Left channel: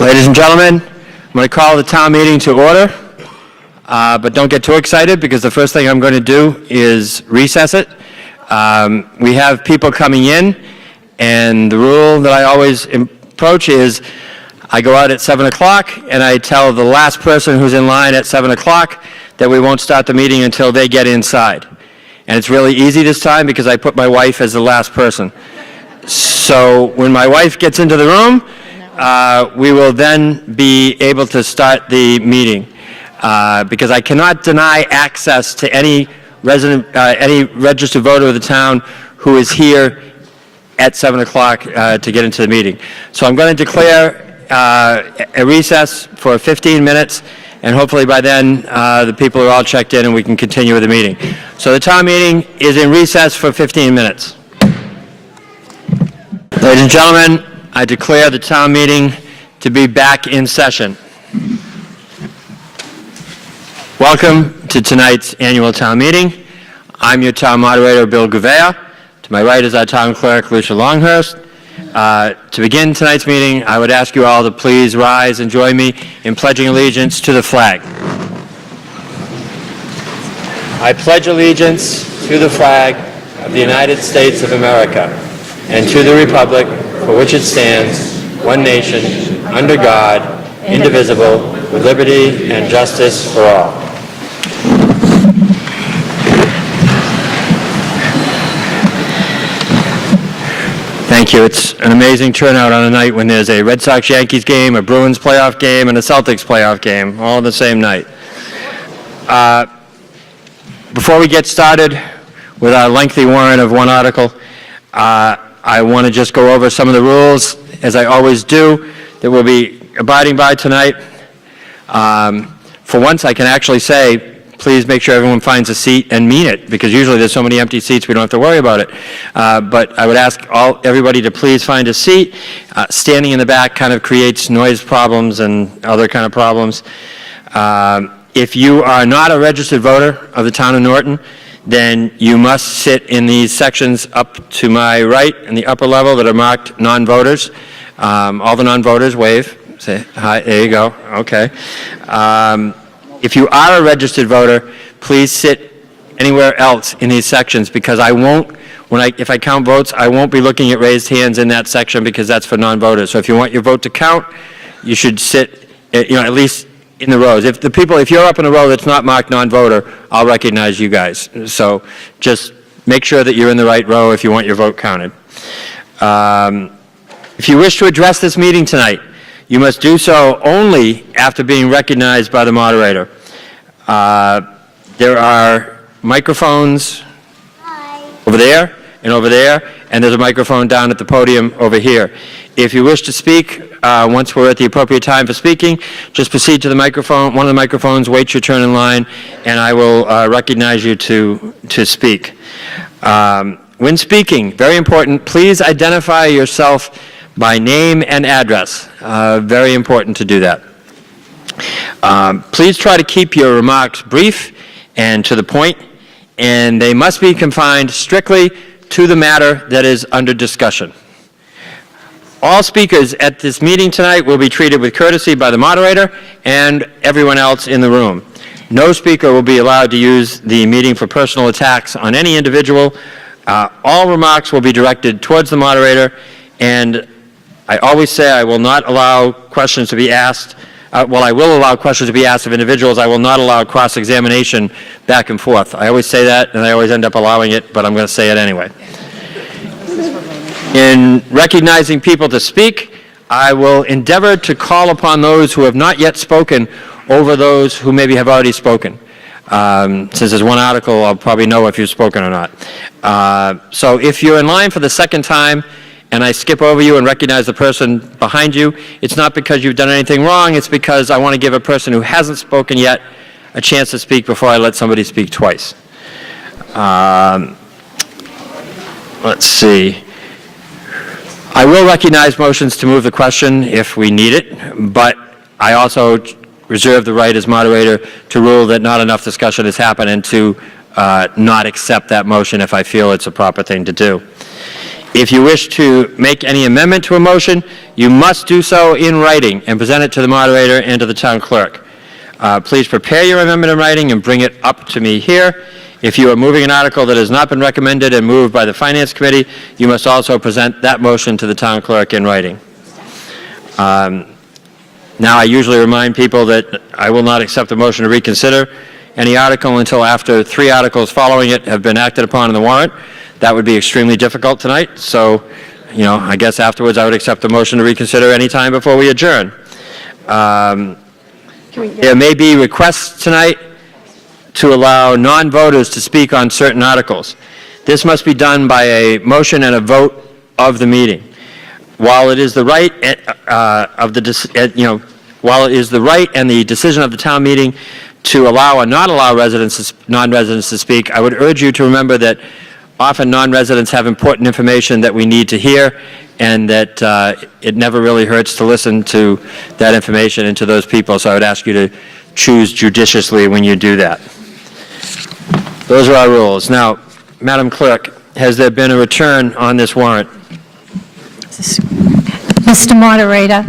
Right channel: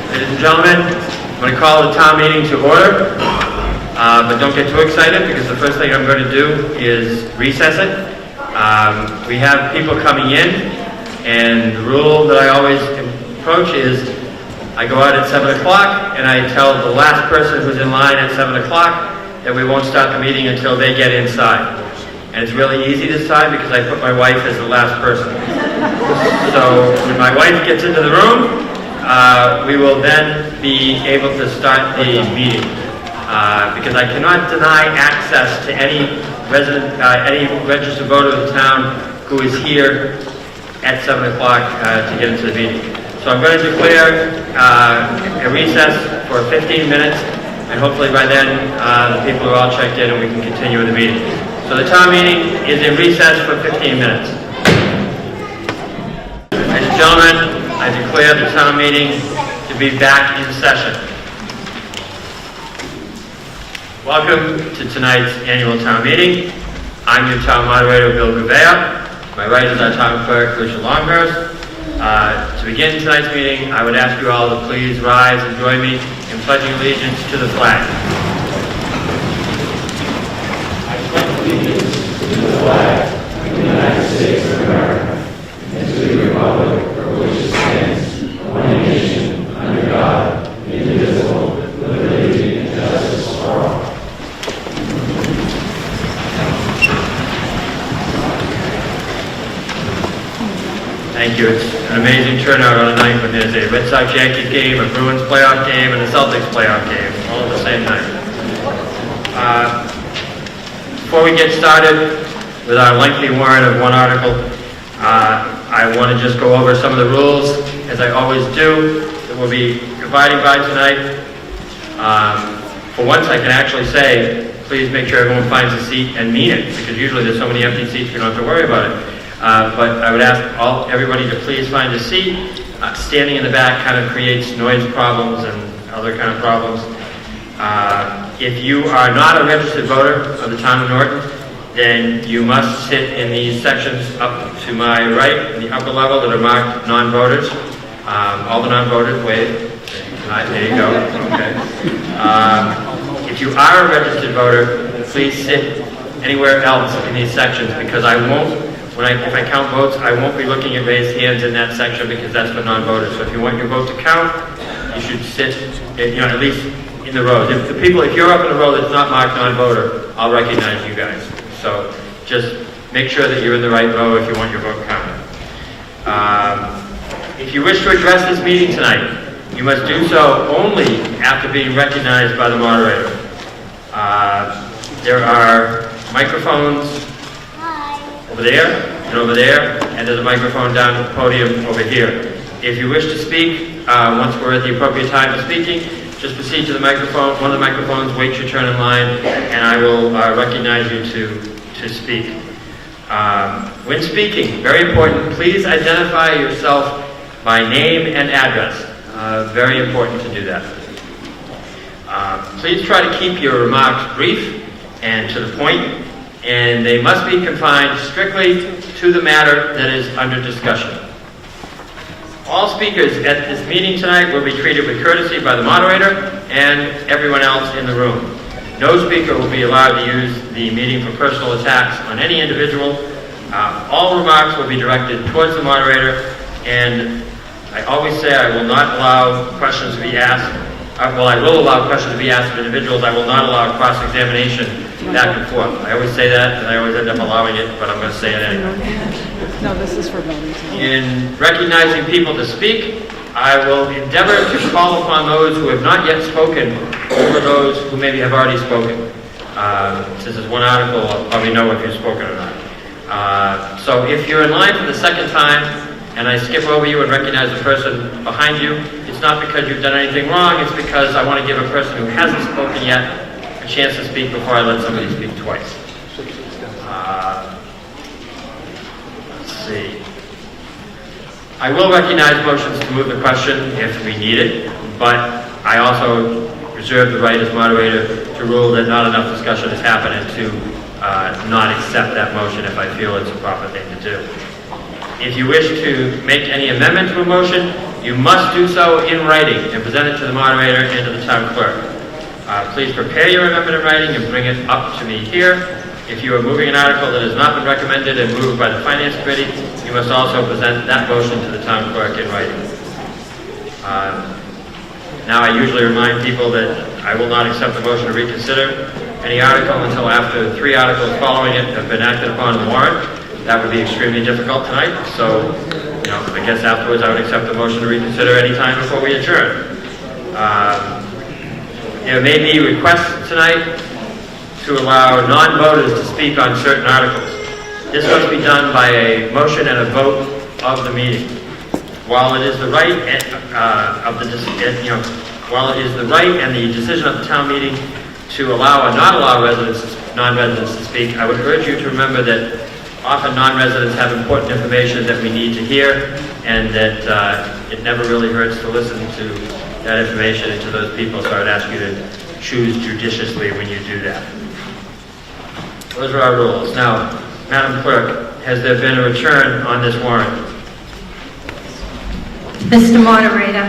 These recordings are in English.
Ladies and gentlemen, I'm going to call the town meeting to order, but don't get too excited because the first thing I'm going to do is recess it. We have people coming in, and the rule that I always approach is I go out at 7 o'clock and I tell the last person who's in line at 7 o'clock that we won't start the meeting until they get inside. And it's really easy this time because I put my wife as the last person. So when my wife gets into the room, we will then be able to start the meeting because I cannot deny access to any resident, any registered voter of the town who is here at 7 o'clock to get into the meeting. So I'm going to declare a recess for 15 minutes, and hopefully by then the people are all checked in and we can continue with the meeting. So the town meeting is in recess for 15 minutes. Ladies and gentlemen, I declare the town meeting to be back in session. Welcome to tonight's annual town meeting. I'm your town moderator, Bill Gouveia. To my right is our town clerk, Lucia Longhurst. To begin tonight's meeting, I would ask you all to please rise and join me in pledging allegiance to the flag. I pledge allegiance to the flag of the United States of America and to the republic for which it stands, one nation, under God, indivisible, with liberty and justice for all. Thank you. It's an amazing turnout on a night when there's a Red Sox-Yankees game, a Bruins playoff game, and a Celtics playoff game, all on the same night. Before we get started with our lengthy warrant of one article, I want to just go over some of the rules, as I always do, that we'll be abiding by tonight. For once, I can actually say, please make sure everyone finds a seat and mean it, because usually there's so many empty seats we don't have to worry about it. But I would ask everybody to please find a seat. Standing in the back kind of creates noise problems and other kind of problems. If you are not a registered voter of the town of Norton, then you must sit in these sections up to my right in the upper level that are marked non-voters. All the non-voters wave. Say hi. There you go. Okay. If you are a registered voter, please sit anywhere else in these sections because I won't. If I count votes, I won't be looking at raised hands in that section because that's for non-voters. So if you want your vote to count, you should sit, at least in the rows. If you're up in a row that's not marked non-voter, I'll recognize you guys. So just make sure that you're in the right row if you want your vote counted. If you wish to address this meeting tonight, you must do so only after being recognized by the moderator. There are microphones over there, and there's a microphone down at the podium over here. If you wish to speak, once we're at the appropriate time for speaking, just proceed to the microphone, one of the microphones, wait your turn in line, and I will recognize you to speak. When speaking, very important, please identify yourself by name and address. Very important to do that. Please try to keep your remarks brief and to the point, and they must be confined strictly to the matter that is under discussion. All speakers at this meeting tonight will be treated with courtesy by the moderator and everyone else in the room. No speaker will be allowed to use the meeting for personal attacks on any individual. All remarks will be directed towards the moderator, and I always say I will not allow questions to be asked. I will allow questions to be asked of individuals. I will not allow cross-examination back and forth. I always say that, and I always end up allowing it, but I'm going to say it anyway. No, this is for voting. In recognizing people to speak, I will endeavor to call upon those who have not yet spoken over those who maybe have already spoken. Since there's one article, I'll probably know if you've spoken or not. So if you're in line for the second time, and I skip over you and recognize the person behind you, it's not because you've done anything wrong, it's because I want to give a person who hasn't spoken yet a chance to speak before I let somebody speak twice. Let's see. I will recognize motions to move the question if we need it, but I also reserve the right as moderator to rule that not enough discussion has happened and to not accept that motion if I feel it's a proper thing to do. If you wish to make any amendment to a motion, you must do so in writing and present it to the moderator and to the town clerk. Please prepare your amendment in writing and bring it up to me here. If you are moving an article that has not been recommended and moved by the Finance Committee, you must also present that motion to the town clerk in writing. Now, I usually remind people that I will not accept the motion to reconsider any article until after 3 articles following it have been acted upon in the warrant. That would be extremely difficult tonight, so, I guess afterwards I would accept the motion to reconsider any time before we adjourn. There may be requests tonight to allow non-voters to speak on certain articles. This must be done by a motion and a vote of the meeting. While it is the right while it is the right and the decision of the town meeting to allow or not allow non-residents to speak, I would urge you to remember that often non-residents have important information that we need to hear, and that it never really hurts to listen to that information and to those people. So I would ask you to choose judiciously when you do that. Those are our rules. Now, Madam Clerk, has there been a return on this warrant? Mr. Moderator,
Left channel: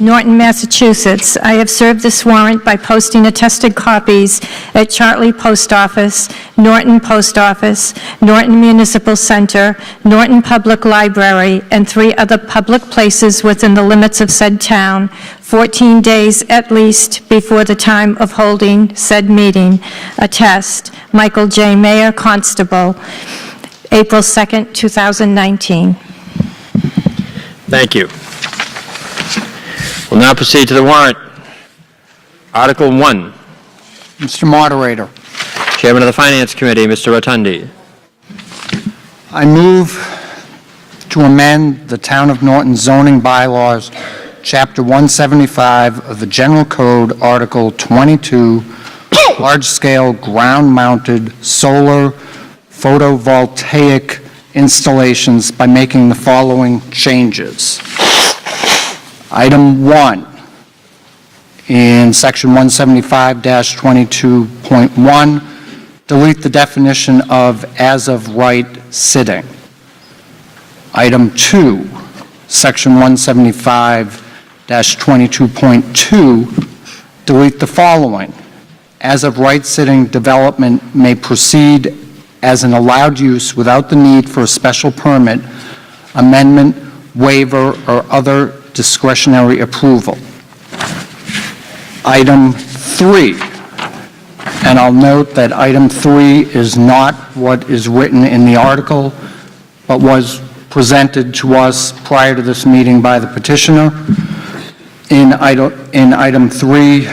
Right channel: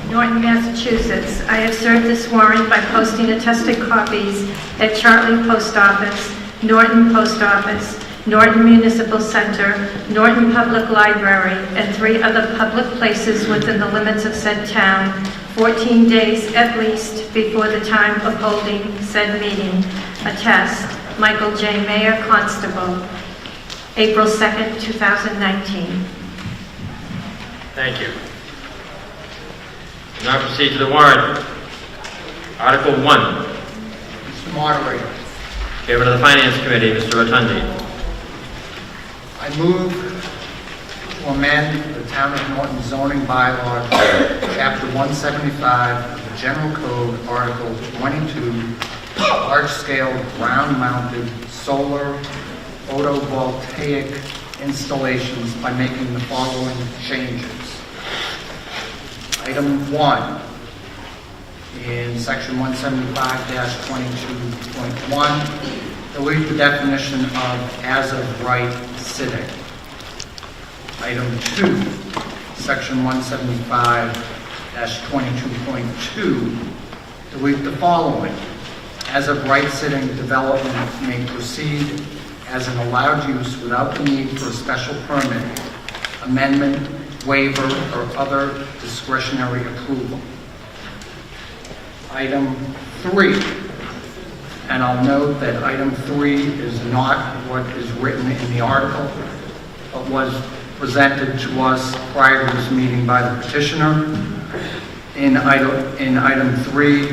Norton, Massachusetts. I have served this warrant by posting attested copies at Chartley Post Office, Norton Post Office, Norton Municipal Center, Norton Public Library, and 3 other public places within the limits of said town, 14 days at least before the time of holding said meeting. Attest, Michael J. Mayer, Constable, April 2nd, 2019. Thank you. We'll now proceed to the warrant. Article 1. Mr. Moderator, Chairman of the Finance Committee, Mr. Rotundi. I move to amend the Town of Norton zoning bylaws, Chapter 175 of the General Code, Article 22, large-scale ground-mounted solar photovoltaic installations by making the following changes. Item 1, in Section 175-22.1, delete the definition of as-of-right sitting. Item 2, Section 175-22.2, delete the following. As-of-right sitting development may proceed as an allowed use without the need for a special permit, amendment, waiver, or other discretionary approval. Item 3, and I'll note that item 3 is not what is written in the article, but was presented to us prior to this meeting by the petitioner. In item 3,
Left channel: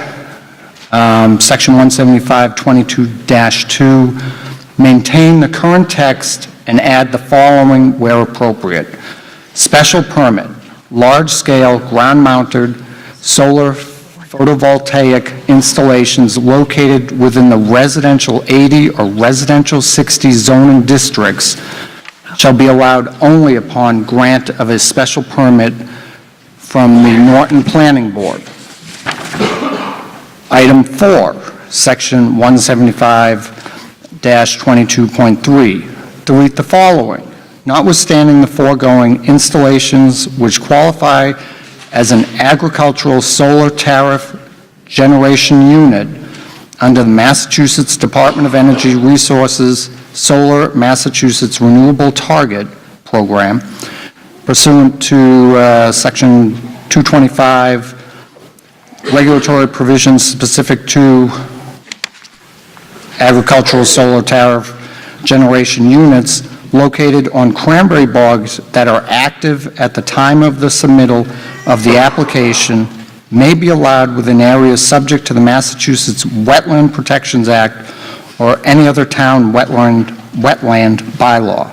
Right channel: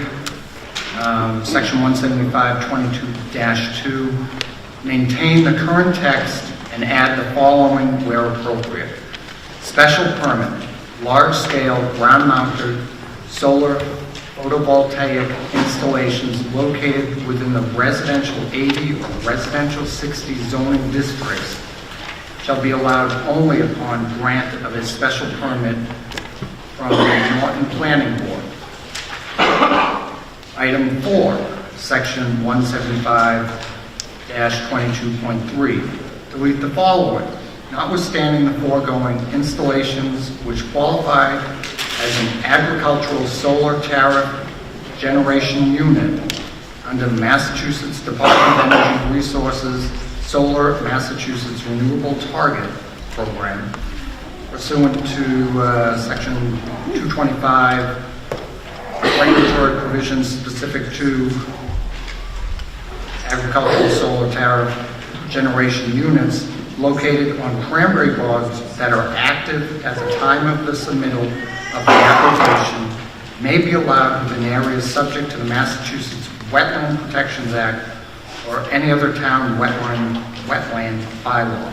Section 175-22-2, maintain the current text and add the following where appropriate. Special permit, large-scale ground-mounted solar photovoltaic installations located within the residential 80 or residential 60 zoning districts shall be allowed only upon grant of a special permit from the Norton Planning Board. Item 4, Section 175-22.3, delete the following. Notwithstanding the foregoing, installations which qualify as an agricultural solar tariff generation unit under the Massachusetts Department of Energy Resources Solar Massachusetts Renewable Target Program pursuant to Section 225 regulatory provisions specific to agricultural solar tariff generation units located on cranberry bogs that are active at the time of the submittal of the application may be allowed within areas subject to the Massachusetts Wetland Protections Act or any other town wetland bylaw.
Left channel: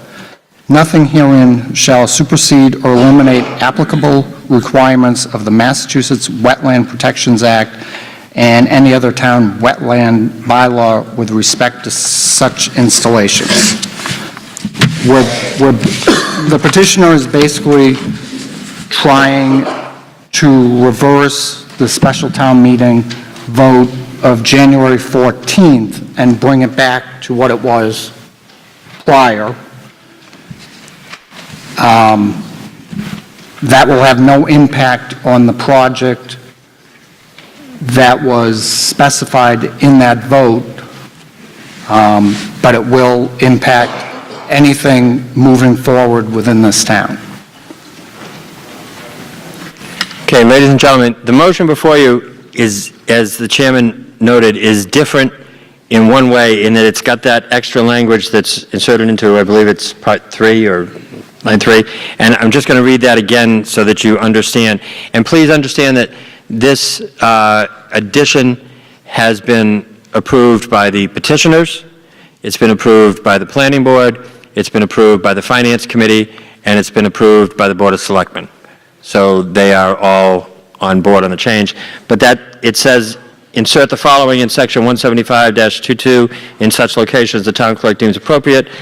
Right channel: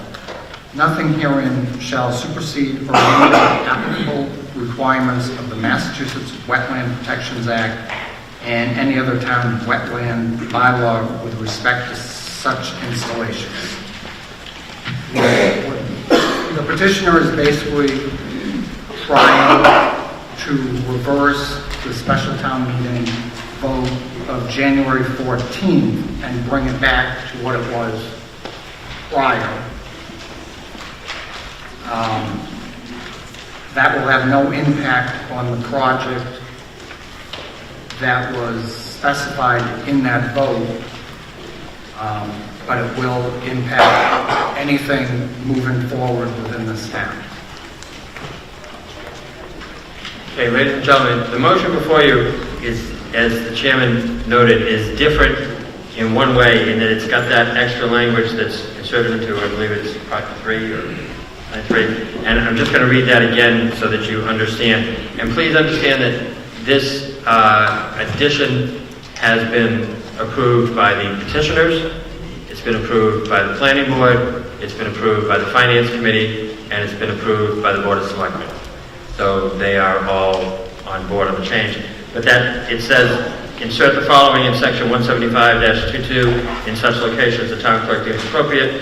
Nothing herein shall supersede or eliminate applicable requirements of the Massachusetts Wetland Protections Act and any other town wetland bylaw with respect to such installations. The petitioner is basically trying to reverse the special town meeting vote of January 14th and bring it back to what it was prior. That will have no impact on the project that was specified in that vote, but it will impact anything moving forward within this town. Okay, ladies and gentlemen, the motion before you is, as the chairman noted, is different in one way, in that it's got that extra language that's inserted into, I believe it's part 3 or line 3, and I'm just going to read that again so that you understand. And please understand that this addition has been approved by the petitioners, it's been approved by the planning board, it's been approved by the finance committee, and it's been approved by the board of selectmen. So they are all on board on the change. But that, it says, insert the following in section 175-22 in such locations the town clerk deems appropriate.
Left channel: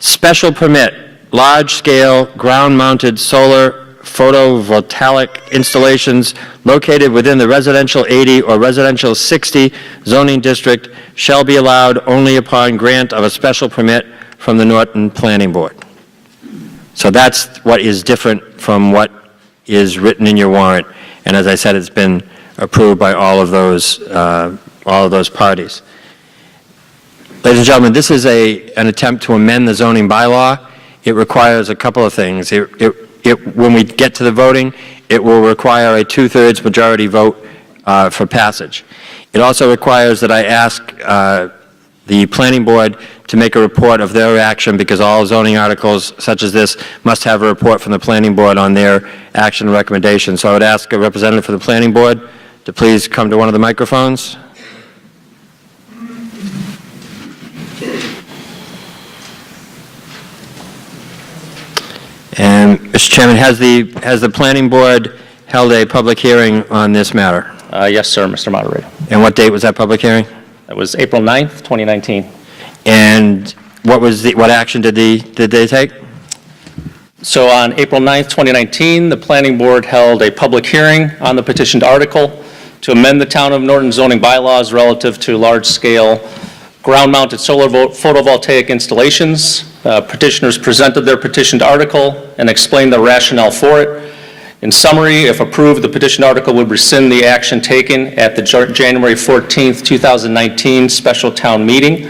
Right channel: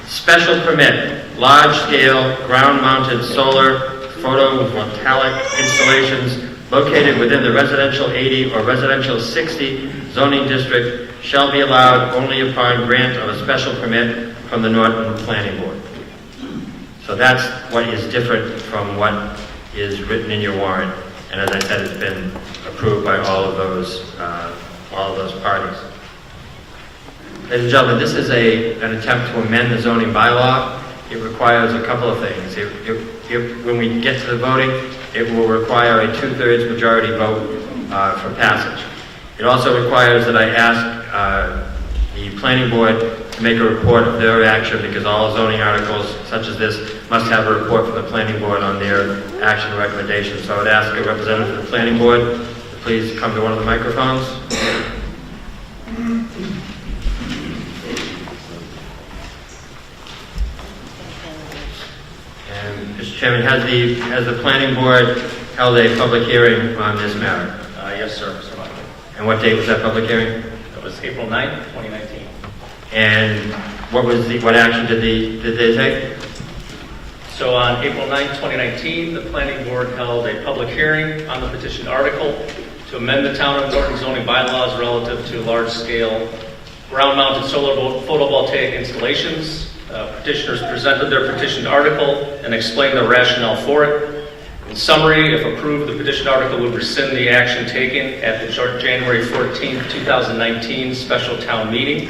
Special permit, large-scale, ground-mounted solar photovoltaic installations located within the residential 80 or residential 60 zoning district shall be allowed only upon grant of a special permit from the Norton Planning Board. So that's what is different from what is written in your warrant. And as I said, it's been approved by all of those parties. Ladies and gentlemen, this is an attempt to amend the zoning bylaw. It requires a couple of things. When we get to the voting, it will require a 2/3 majority vote for passage. It also requires that I ask the planning board to make a report of their action, because all zoning articles such as this must have a report from the planning board on their action recommendation. So I would ask a representative for the planning board to please come to one of the microphones. And, Mr. Chairman, has the planning board held a public hearing on this matter? Yes, sir, Mr. Moderator. And what date was that public hearing? It was April 9th, 2019. And what action did they take? So on April 9th, 2019, the Planning Board held a public hearing on the petitioned article to amend the Town of Norton zoning bylaws relative to large-scale ground-mounted solar photovoltaic installations. Petitioners presented their petitioned article and explained the rationale for it. In summary, if approved, the petitioned article would rescind the action taken at the January 14th, 2019 special town meeting.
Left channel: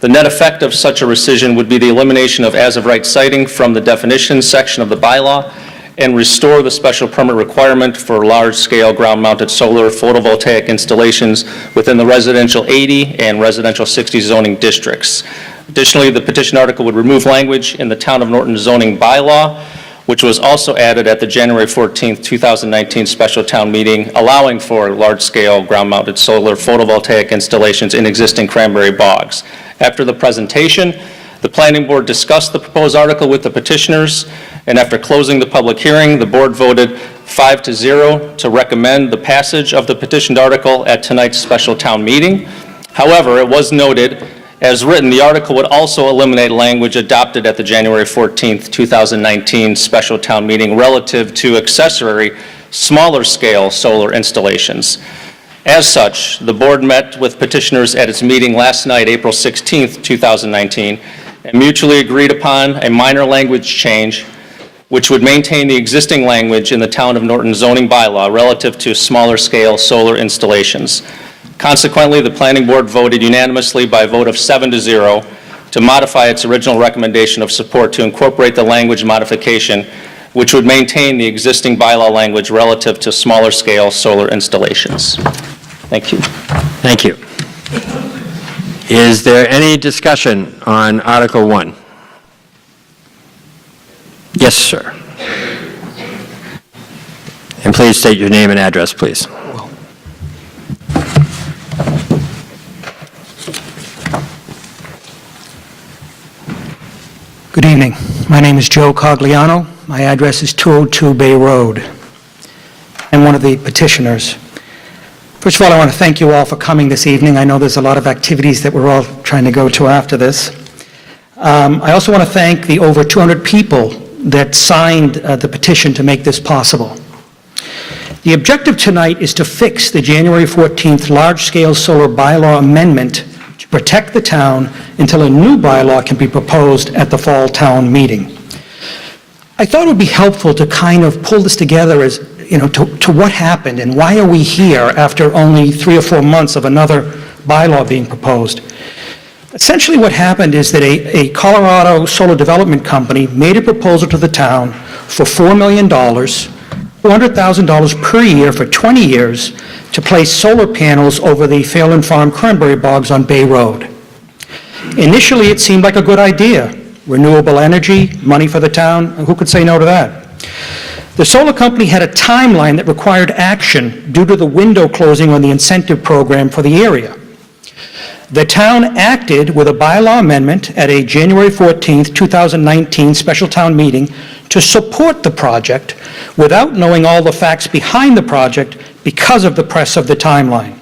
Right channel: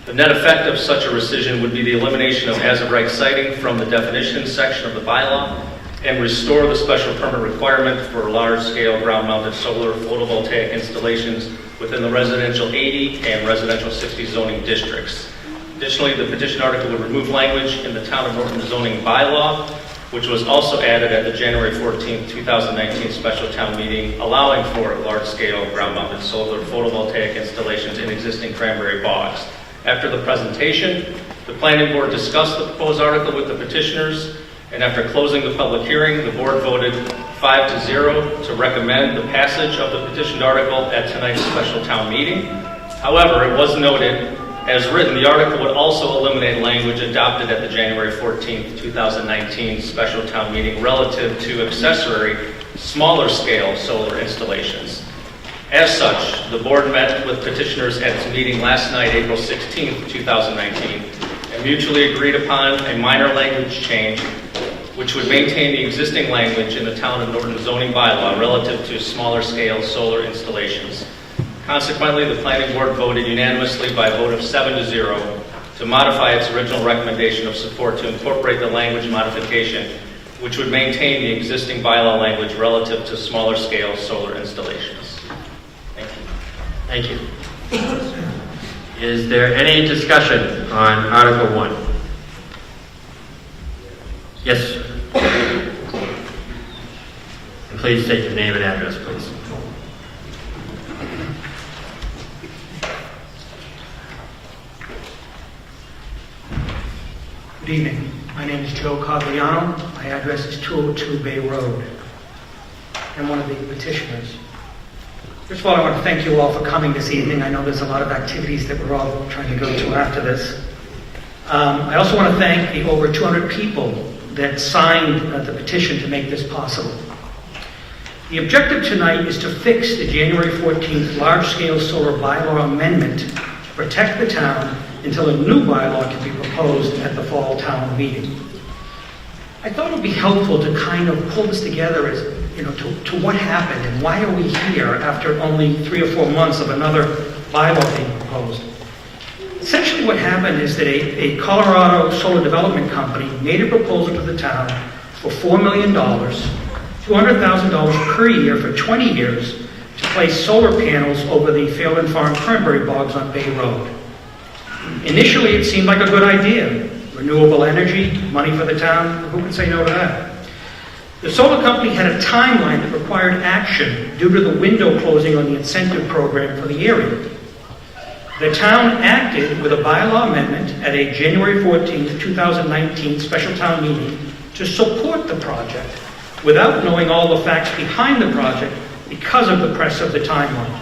The net effect of such a rescission would be the elimination of as-of-right siting from the definitions section of the bylaw and restore the special permit requirement for large-scale ground-mounted solar photovoltaic installations within the residential 80 and residential 60 zoning districts. Additionally, the petition article would remove language in the Town of Norton zoning bylaw, which was also added at the January 14th, 2019 special town meeting, allowing for large-scale ground-mounted solar photovoltaic installations in existing cranberry bogs. After the presentation, the Planning Board discussed the proposed article with the petitioners, and after closing the public hearing, the board voted 5-0 to recommend the passage of the petitioned article at tonight's special town meeting. However, it was noted, as written, the article would also eliminate language adopted at the January 14th, 2019 special town meeting relative to accessory, smaller-scale solar installations. As such, the board met with petitioners at its meeting last night, April 16th, 2019, and mutually agreed upon a minor language change which would maintain the existing language in the Town of Norton zoning bylaw relative to smaller-scale solar installations. Consequently, the Planning Board voted unanimously by a vote of 7-0 to modify its original recommendation of support to incorporate the language modification, which would maintain the existing bylaw language relative to smaller-scale solar installations. Thank you. Thank you. Is there any discussion on Article 1? Yes, sir. And please state your name and address, please. Good evening. My name is Joe Cogliano. My address is 202 Bay Road. I'm one of the petitioners. First of all, I want to thank you all for coming this evening. I know there's a lot of activities that we're all trying to go to after this. I also want to thank the over 200 people that signed the petition to make this possible. The objective tonight is to fix the January 14th large-scale solar bylaw amendment to protect the town until a new bylaw can be proposed at the fall town meeting. I thought it would be helpful to kind of pull this together as, to what happened and why are we here after only 3 or 4 months of another bylaw being proposed. Essentially what happened is that a Colorado solar development company made a proposal to the town for $4 million, $400,000 per year for 20 years to place solar panels over the Phelan Farm cranberry bogs on Bay Road. Initially, it seemed like a good idea. Renewable energy, money for the town, who could say no to that? The solar company had a timeline that required action due to the window closing on the incentive program for the area. The town acted with a bylaw amendment at a January 14th, 2019 special town meeting to support the project without knowing all the facts behind the project because of the press of the timeline.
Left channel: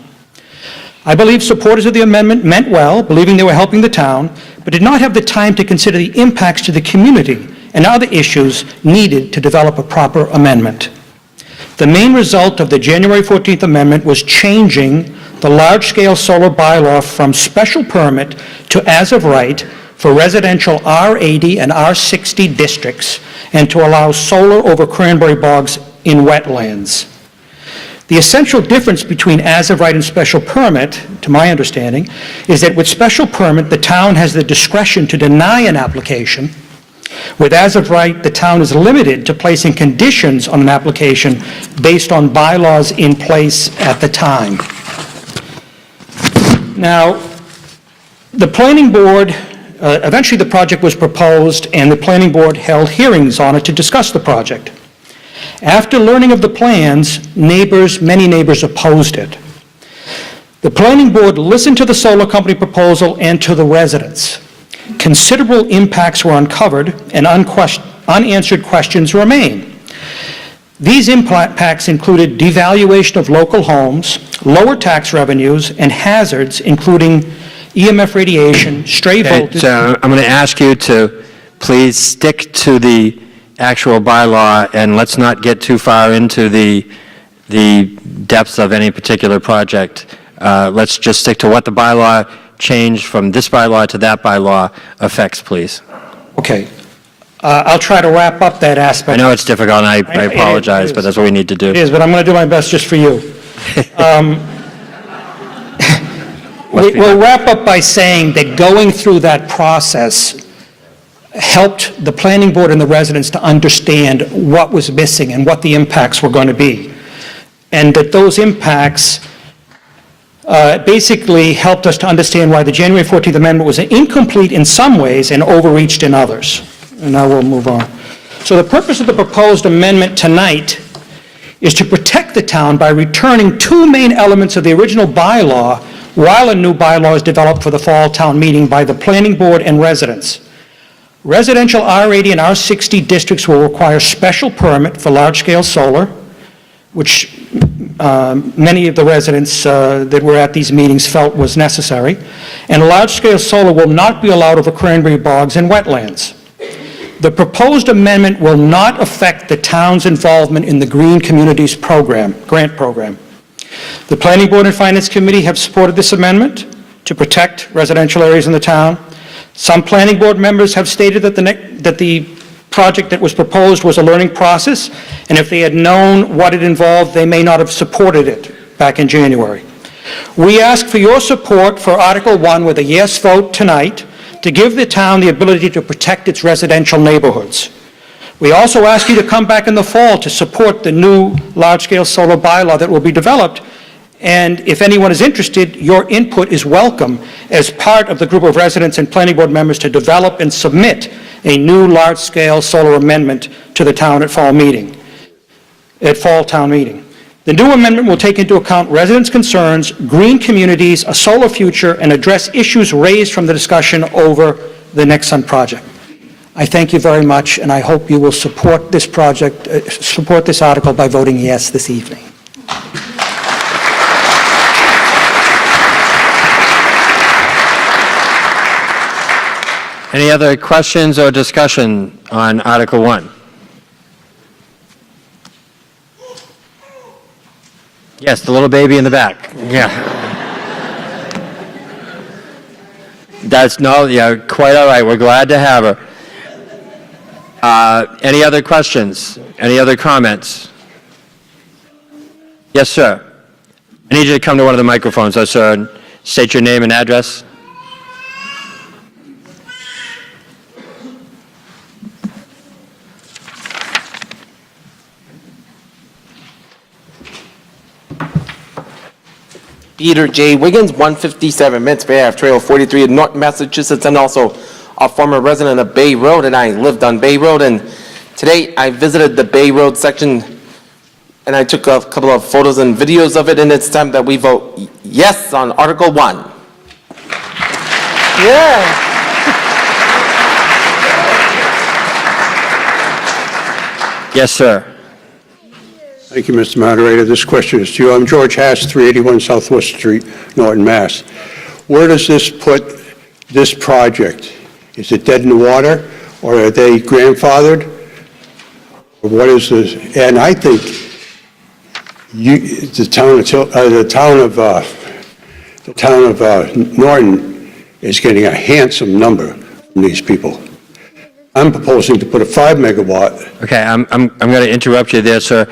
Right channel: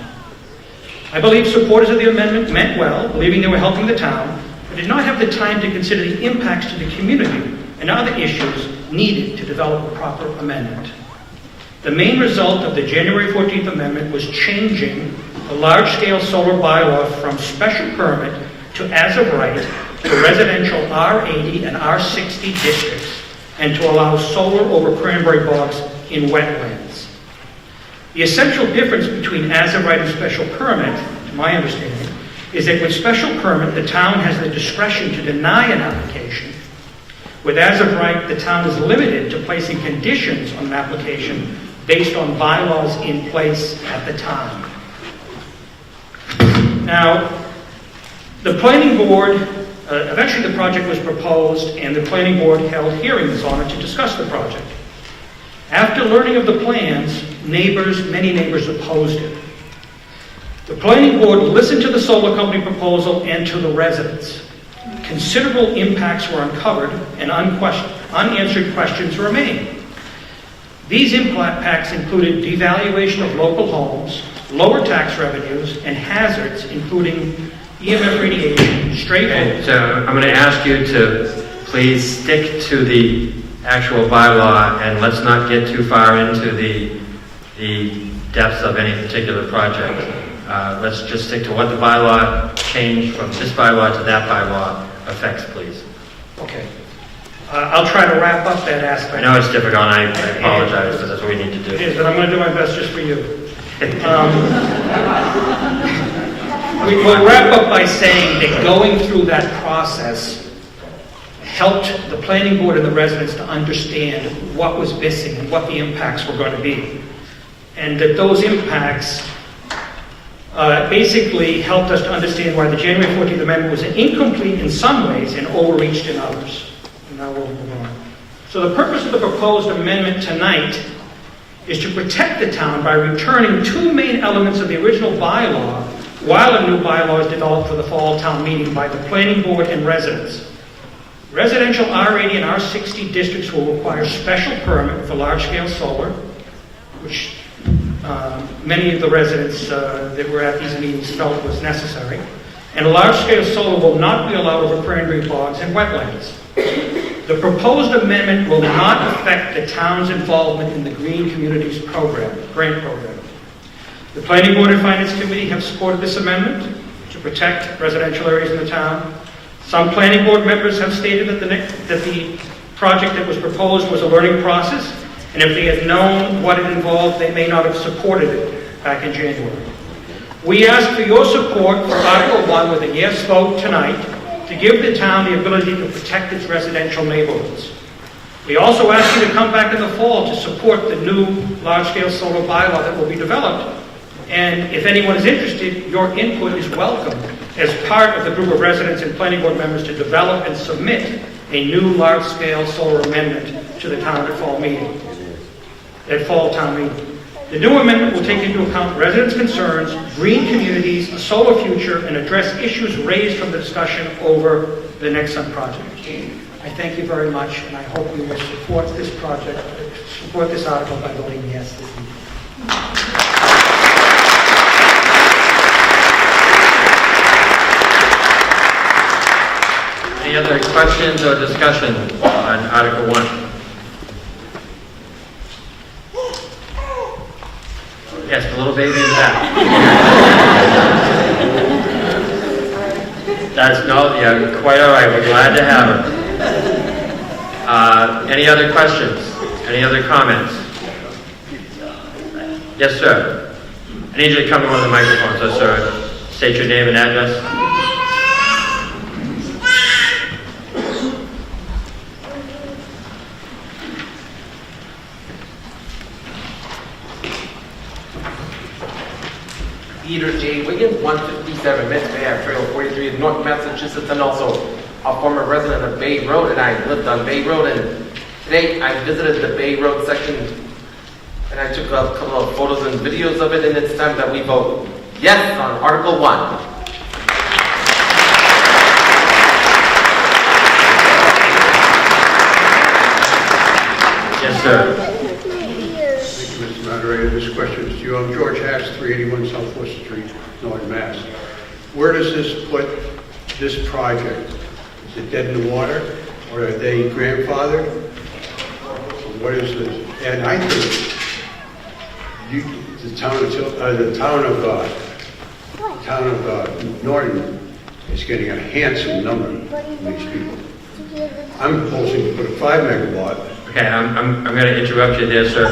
I believe supporters of the amendment meant well, believing they were helping the town, but did not have the time to consider the impacts to the community and other issues needed to develop a proper amendment. The main result of the January 14th amendment was changing the large-scale solar bylaw from special permit to as of right for residential R80 and R60 districts and to allow solar over cranberry bogs in wetlands. The essential difference between as of right and special permit, to my understanding, is that with special permit, the town has the discretion to deny an application. With as of right, the town is limited to placing conditions on an application based on bylaws in place at the time. Now, the planning board, eventually the project was proposed and the planning board held hearings on it to discuss the project. After learning of the plans, many neighbors opposed it. The planning board listened to the solar company proposal and to the residents. Considerable impacts were uncovered and unanswered questions remain. These impacts included devaluation of local homes, lower tax revenues, and hazards including EMF radiation, stray voltage. So I'm going to ask you to please stick to the actual bylaw and let's not get too far into the depths of any particular project. Let's just stick to what the bylaw changed from this bylaw to that bylaw affects, please. Okay. I'll try to wrap up that I aspect. know it's difficult, and I apologize, but that's what we need to do. It is, but I'm going to do my best just for you. We'll wrap up by saying that going through that process helped the planning board and the residents to understand what was missing and what the impacts were going to be. And that those impacts basically helped us to understand why the January 14th amendment was incomplete in some ways and overreached in others. And now we'll move on. So the purpose of the proposed amendment tonight is to protect the town by returning 2 main elements of the original bylaw while a new bylaw is developed for the fall town meeting by the planning board and residents. Residential R80 and R60 districts will require special permit for large-scale solar, which many of the residents that were at these meetings felt was necessary, and large-scale solar will not be allowed over cranberry bogs and wetlands. The proposed amendment will not affect the town's involvement in the Green Communities Program, grant program. The Planning Board and Finance Committee have supported this amendment to protect residential areas in the town. Some planning board members have stated that the project that was proposed was a learning process, and if they had known what it involved, they may not have supported it back in January. We ask for your support for Article 1 with a yes vote tonight to give the town the ability to protect its residential neighborhoods. We also ask you to come back in the fall to support the new large-scale solar bylaw that will be developed. And if anyone is interested, your input is welcome as part of the group of residents and planning board members to develop and submit a new large-scale solar amendment to the town at fall town meeting. The new amendment will take into account residents' concerns, green communities, a solar future, and address issues raised from the discussion over the Nexsun project. I thank you very much, and I hope you will support this project, support this article by voting yes this evening. Any other questions or discussion on Article 1? Yes, the little baby in the back. Yeah. That's, no, yeah, quite all right. We're glad to have her. Any other questions? Any other comments? Yes, sir. I need you to come to one of the microphones, sir. State your name and address. Peter J. Wiggins, 157 Mintz Bay Ave, Trail 43 in Norton, Massachusetts, and also a former resident of Bay Road, and I lived on Bay Road, and today I visited the Bay Road section, and I took a couple of photos and videos of it, and it's time that we vote yes on Article 1. Yes, sir. Thank you, Mr. Moderator. This question is to you. I'm George Haas, 381 Southwest Street, Norton, Mass. Where does this put this project? Is it dead in the water, or are they grandfathered? What is this? And I think the town of Norton is getting a handsome number from these people. I'm proposing to put a 5 megawatt. Okay, I'm going to interrupt you there, sir,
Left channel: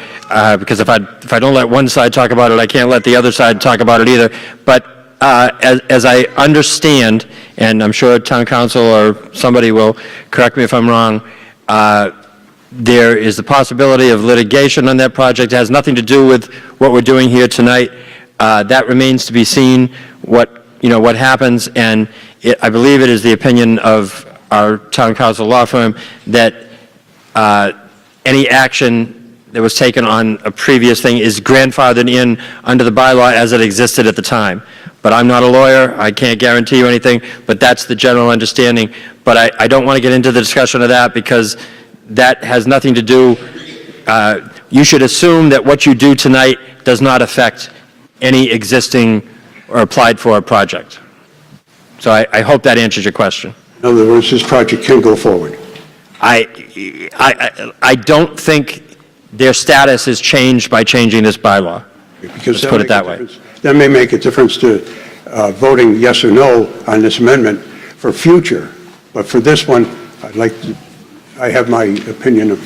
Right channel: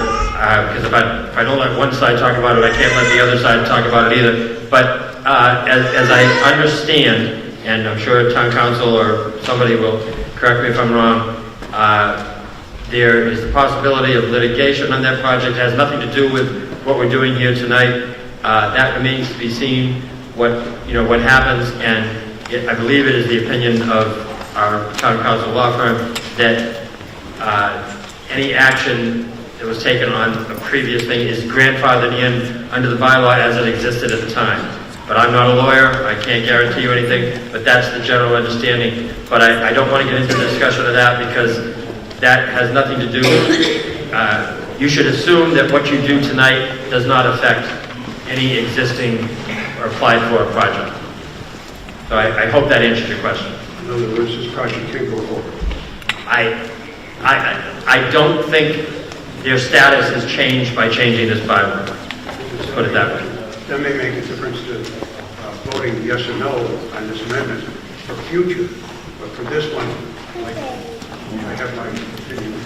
because if I don't let one side talk about it, I can't let the other side talk about it either. But as I understand, and I'm sure town council or somebody will correct me if I'm wrong, there is the possibility of litigation on that project. It has nothing to do with what we're doing here tonight. That remains to be seen, what happens, and I believe it is the opinion of our town council law firm that any action that was taken on a previous thing is grandfathered in under the bylaw as it existed at the time. But I'm not a lawyer, I can't guarantee you anything, but that's the general understanding. But I don't want to get into the discussion of that because that has nothing to do, you should assume that what you do tonight does not affect any existing or applied for project. So I hope that answers your question. In other words, this project can go forward. I don't think their status has changed by changing this bylaw. Because Let's put it that way. That may make a difference to voting yes or no on this amendment for future, but for this one, I have my opinion.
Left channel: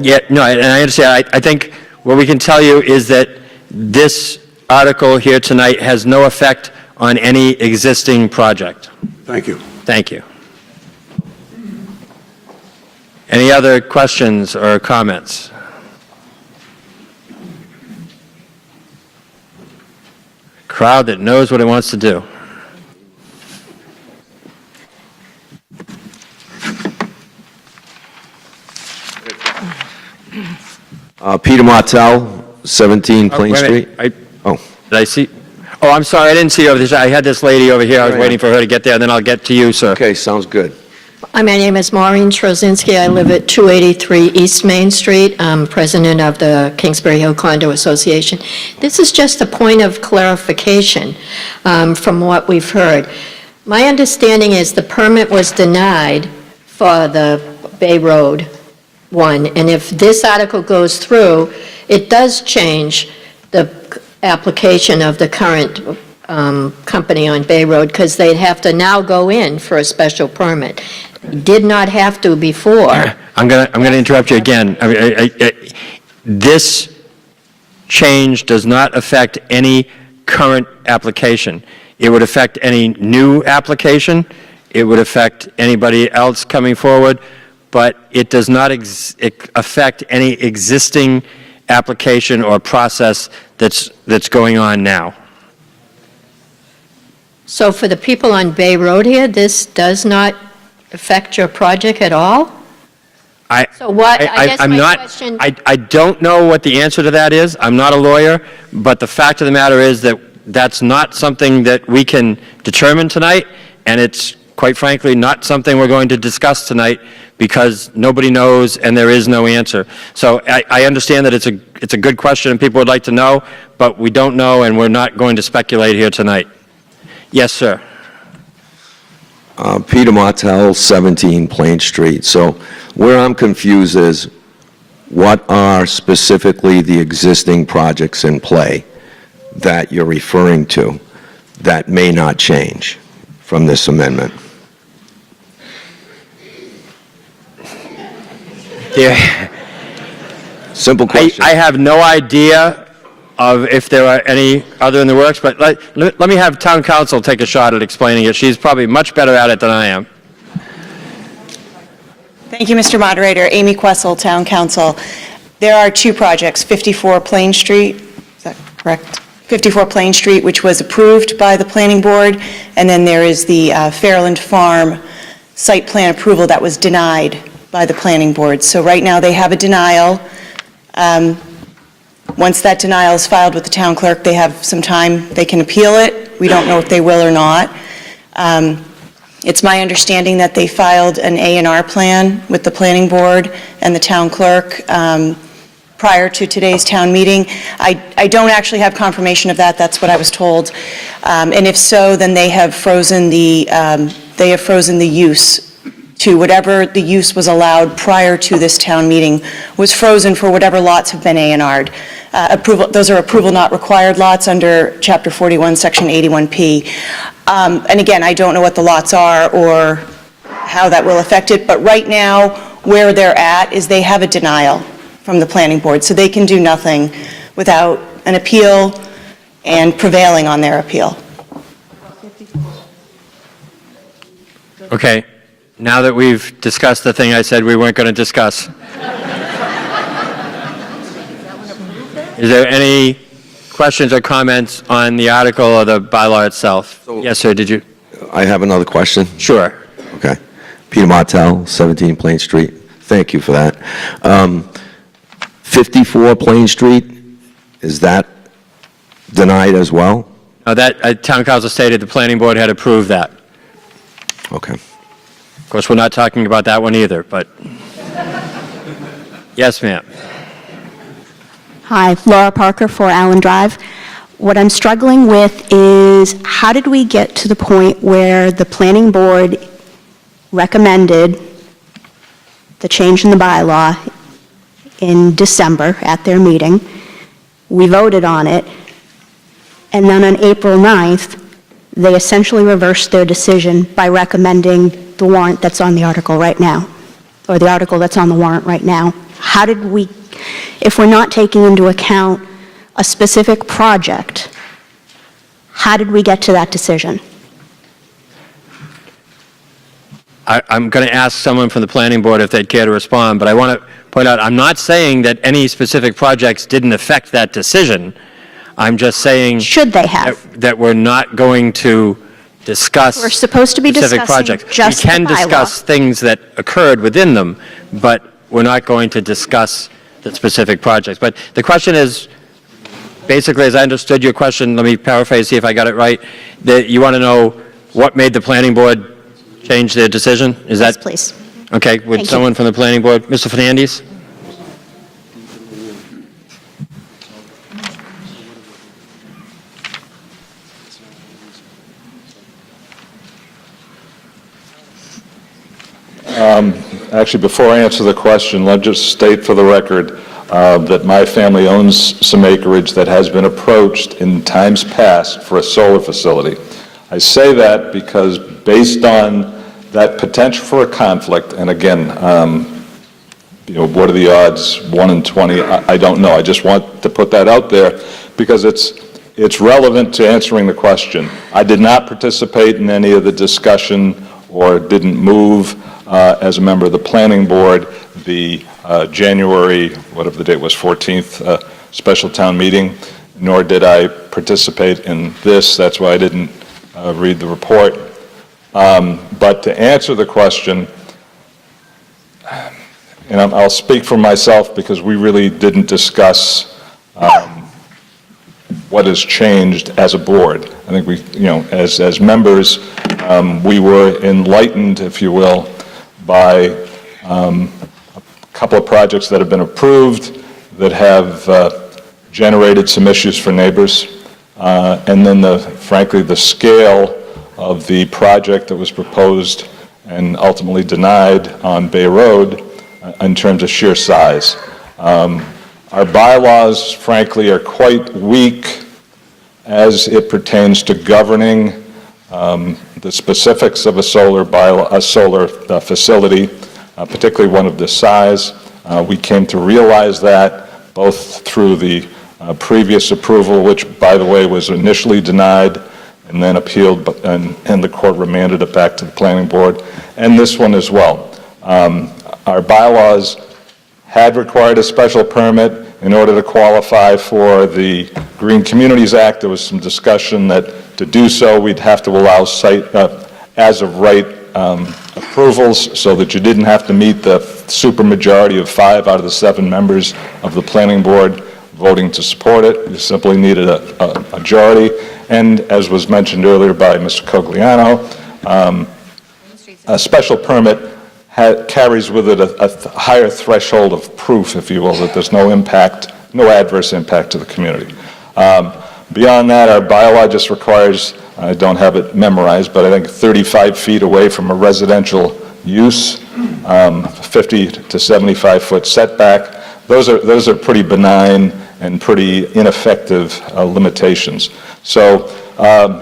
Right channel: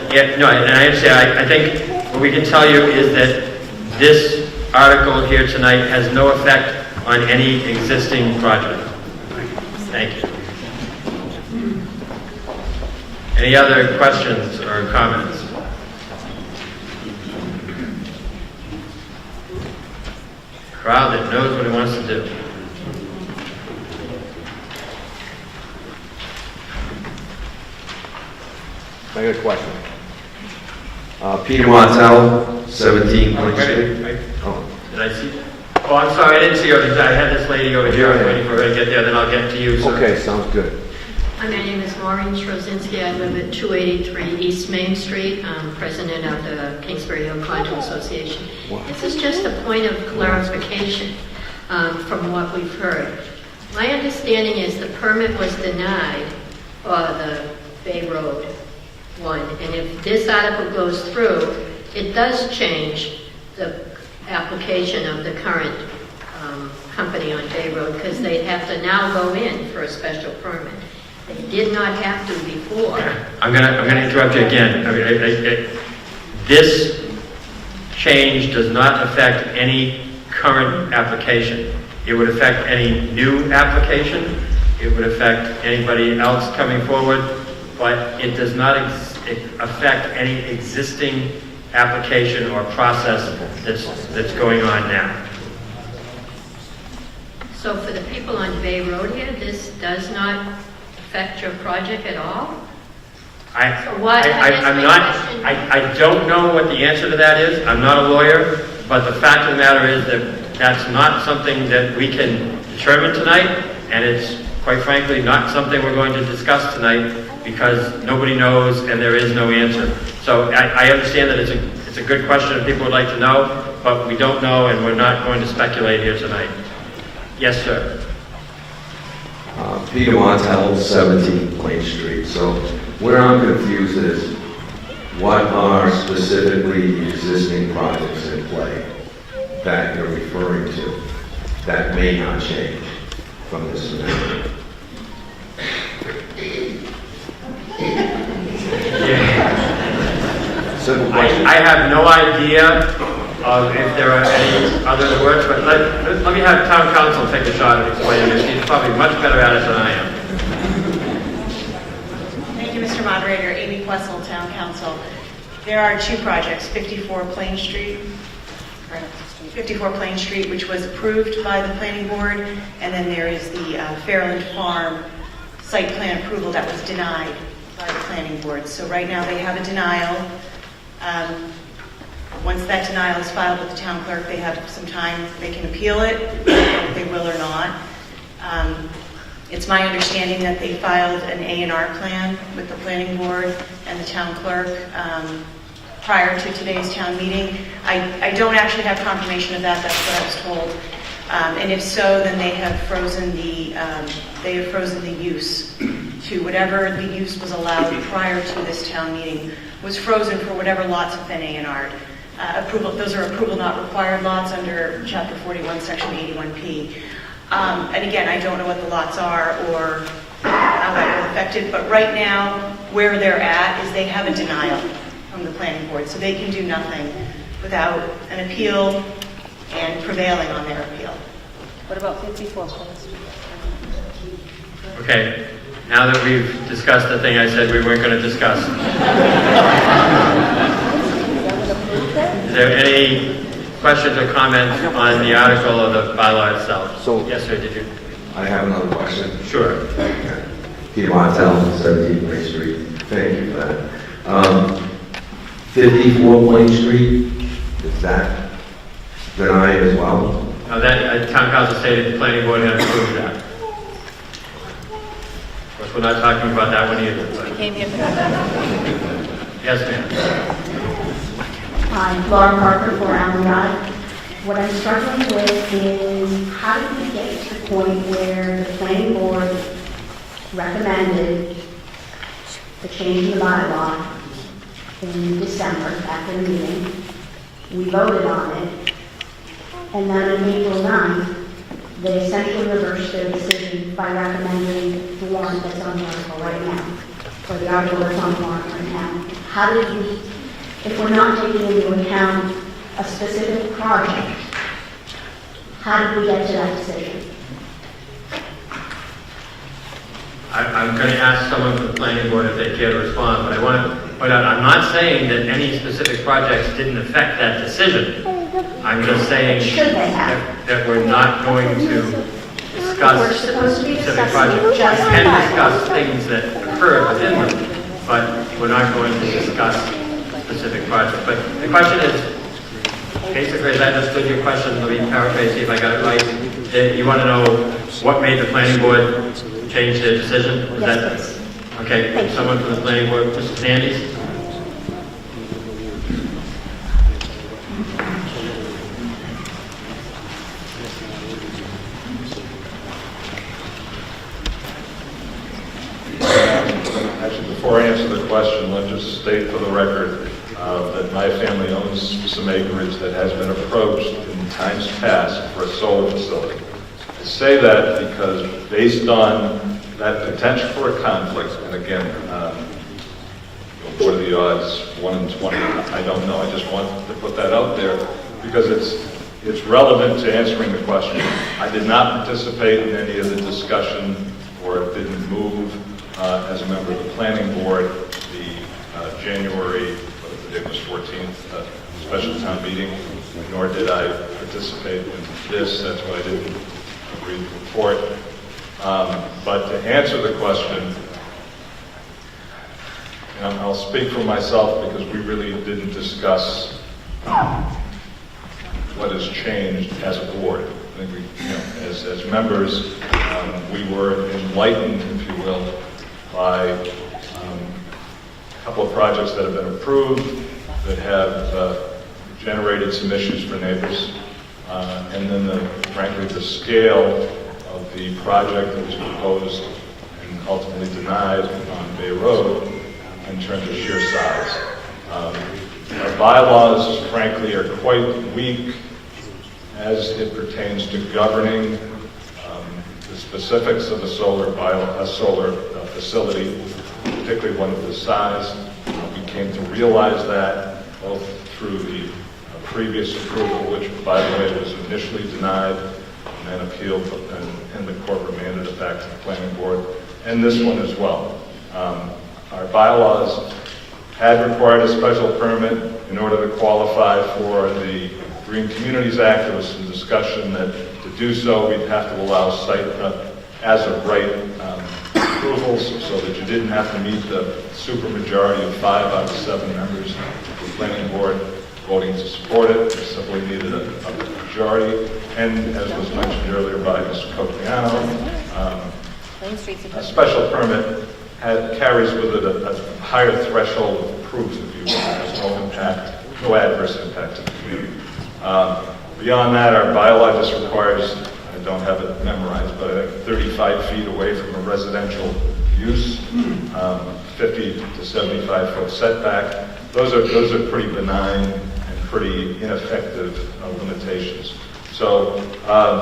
Yeah, no, and I understand. I think what we can tell you is that this article here tonight has no effect on any existing project. Thank you. Thank you. Any other questions or comments? Crowd that knows what it wants to do. Peter Martell, 17 Plain Wait a Street. minute. Oh, Did I see? Oh, I'm sorry, I didn't see her. I had this lady over here. I was waiting for her to get there, and then I'll get to you, sir. okay, sounds good. Hi, my name is Maureen Trozinski. I live at 283 East Main Street. I'm president of the Kingsbury Hill Condo Association. This is just a point of clarification from what we've heard. My understanding is the permit was denied for the Bay Road one, and if this article goes through, it does change the application of the current company on Bay Road, because they'd have to now go in for a special permit. Did not have to before. I'm gonna interrupt you again. This change does not affect any current application. It would affect any new application. It would affect anybody else coming forward, but it does not affect any existing application or process that's going on now. So for the people on Bay Road here, this does not affect your project at all? I don't know what the answer to that is. I'm not a lawyer, but the fact of the matter is that that's not something that we can determine tonight, and it's, quite frankly, not something we're going to discuss tonight because nobody knows and there is no answer. So I understand that it's a good question and people would like to know, but we don't know and we're not going to speculate here tonight. Yes, sir. Peter Martell, 17 Plain Street. So where I'm confused is, what are specifically the existing projects in play that you're referring to that may not change from this amendment? Simple question. I have no idea of if there are any other in the works, but let me have town council take a shot at explaining it. She's probably much better at it than I am. Thank you, Mr. Moderator. Amy Questle, Town Council. There are two projects, 54 Plain Street, is that correct? 54 Plain Street, which was approved by the planning board, and then there is the Fairland Farm site plan approval that was denied by the planning board. So right now, they have a denial. Once that denial is filed with the town clerk, they have some time, they can appeal it. We don't know if they will or not. It's my understanding that they filed an A&R plan with the planning board and the town clerk prior to today's town meeting. I don't actually have confirmation of that, that's what I was told. And if so, then they have frozen the use to whatever the use was allowed prior to this town meeting was frozen for whatever lots have been A&R'd. Those are approval not required lots under Chapter 41, Section 81P. And again, I don't know what the lots are or how that will affect it, but right now, where they're at is they have a denial from the planning board, so they can do nothing without an appeal and prevailing on their appeal. What about 54? Okay, now that we've discussed the thing I said we weren't going to discuss. Is there any questions or comments on the article or the bylaw itself? Yes, sir, did you? I have another question. Sure. Okay. Peter Martell, 17 Plain Street. Thank you for that. 54 Plain Street, is that denied as well? That town council stated the planning board had approved that. Okay. Of course, we're not talking about that one either, but... Yes, ma'am. Hi, Laura Parker, 4 Allen Drive. What I'm struggling with is how did we get to the point where the planning board recommended the change in the bylaw in December at their meeting, we voted on it, and then on April 9th, they essentially reversed their decision by recommending the warrant that's on the article right now, or the article that's on the warrant right now. How did we, if we're not taking into account a specific project, how did we get to that decision? I'm going to ask someone from the planning board if they'd care to respond, but I want to point out, I'm not saying that any specific projects didn't affect that decision. I'm just saying... Should they have? That we're not going to discuss... We're supposed to be specific discussing projects. just the We can bylaw. discuss things that occurred within them, but we're not going to discuss the specific projects. But the question is, basically, as I understood your question, let me paraphrase, see if I got it right, that you want to know what made the planning board change their decision? Is that... Yes, please. Okay, would someone from the planning board, Mr. Fernandes? Actually, before I answer the question, let's just state for the record that my family owns some acreage that has been approached in times past for a solar facility. I say that because based on that potential for a conflict, and again, what are the odds, 1 in 20? I don't know. I just want to put that out there because it's relevant to answering the question. I did not participate in any of the discussion or didn't move as a member of the planning board the January, whatever the date was, 14th special town meeting, nor did I participate in this. That's why I didn't read the report. But to answer the question, and I'll speak for myself because we really didn't discuss what has changed as a board. I think we, as members, we were enlightened, if you will, by a couple of projects that have been approved that have generated some issues for neighbors. And then, frankly, the scale of the project that was proposed and ultimately denied on Bay Road in terms of sheer size. Our bylaws, frankly, are quite weak as it pertains to governing the specifics of a solar facility, particularly one of this size. We came to realize that both through the previous approval, which, by the way, was initially denied and then appealed, and the court remanded it back to the planning board, and this one as well. Our bylaws had required a special permit in order to qualify for the Green Communities Act. There was some discussion that to do so, we'd have to allow site as-of-right approvals so that you didn't have to meet the supermajority of 5 out of the 7 members of the planning board voting to support it. You simply needed a majority. And as was mentioned earlier by Mr. Cogliano, a special permit carries with it a higher threshold of proof, if you will, that there's no impact, no adverse impact to the community. Beyond that, our bylaw just requires, I don't have it memorized, but I think 35 feet away from a residential use, 50 to 75 foot setback. Those are pretty benign and pretty ineffective limitations. So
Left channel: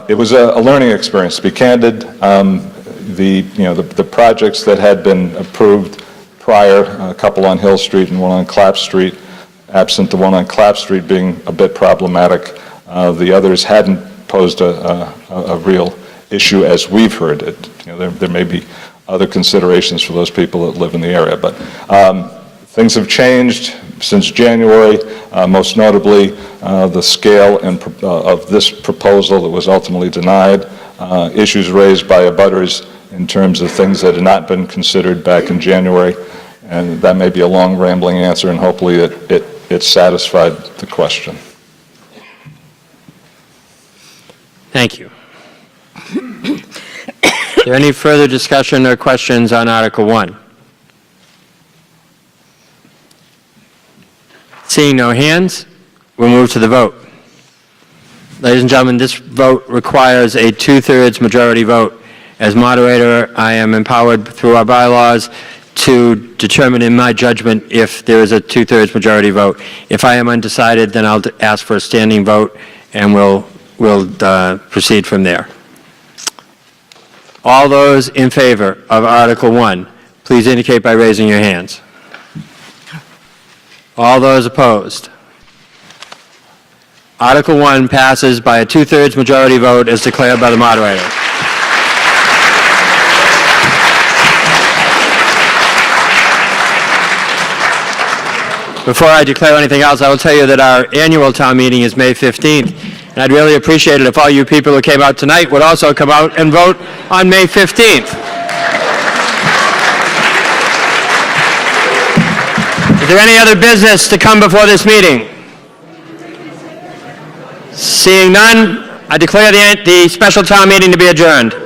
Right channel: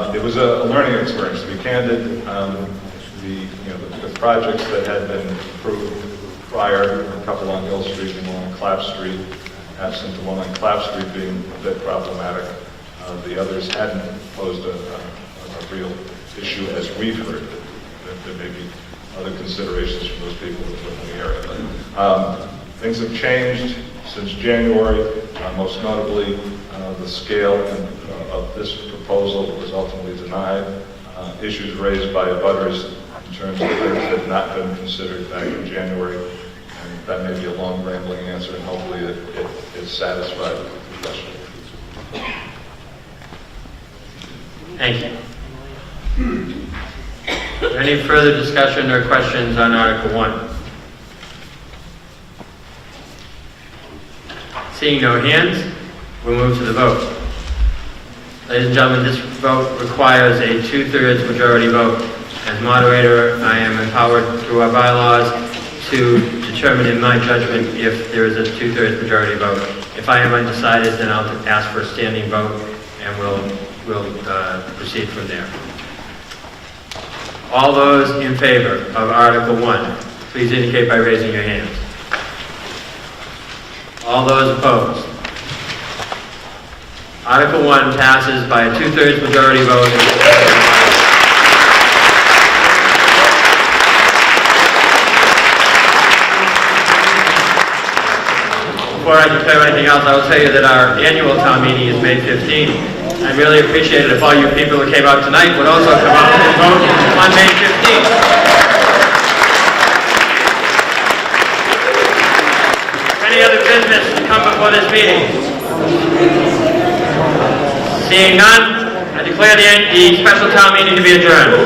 it was a learning experience, to be candid. The projects that had been approved prior, a couple on Hill Street and one on Clapp Street, absent the one on Clapp Street being a bit problematic, the others hadn't posed a real issue as we've heard it. There may be other considerations for those people that live in the area, but things have changed since January, most notably the scale of this proposal that was ultimately denied, issues raised by abutters in terms of things that had not been considered back in January, and that may be a long rambling answer, and hopefully it satisfied the question. Thank you. Is there any further discussion or questions on Article 1? Seeing no hands, we'll move to the vote. Ladies and gentlemen, this vote requires a 2/3 majority vote. As moderator, I am empowered through our bylaws to determine in my judgment if there is a 2/3 majority vote. If I am undecided, then I'll ask for a standing vote, and we'll proceed from there. All those in favor of Article 1, please indicate by raising your hands. All those opposed? Article 1 passes by a 2/3 majority vote as declared by the moderator. Before I declare anything else, I will tell you that our annual town meeting is May 15th. And I'd really appreciate it if all you people who came out tonight would also come out and vote on May 15th. Is there any other business to come before this meeting? Seeing none, I declare the special town meeting to be adjourned.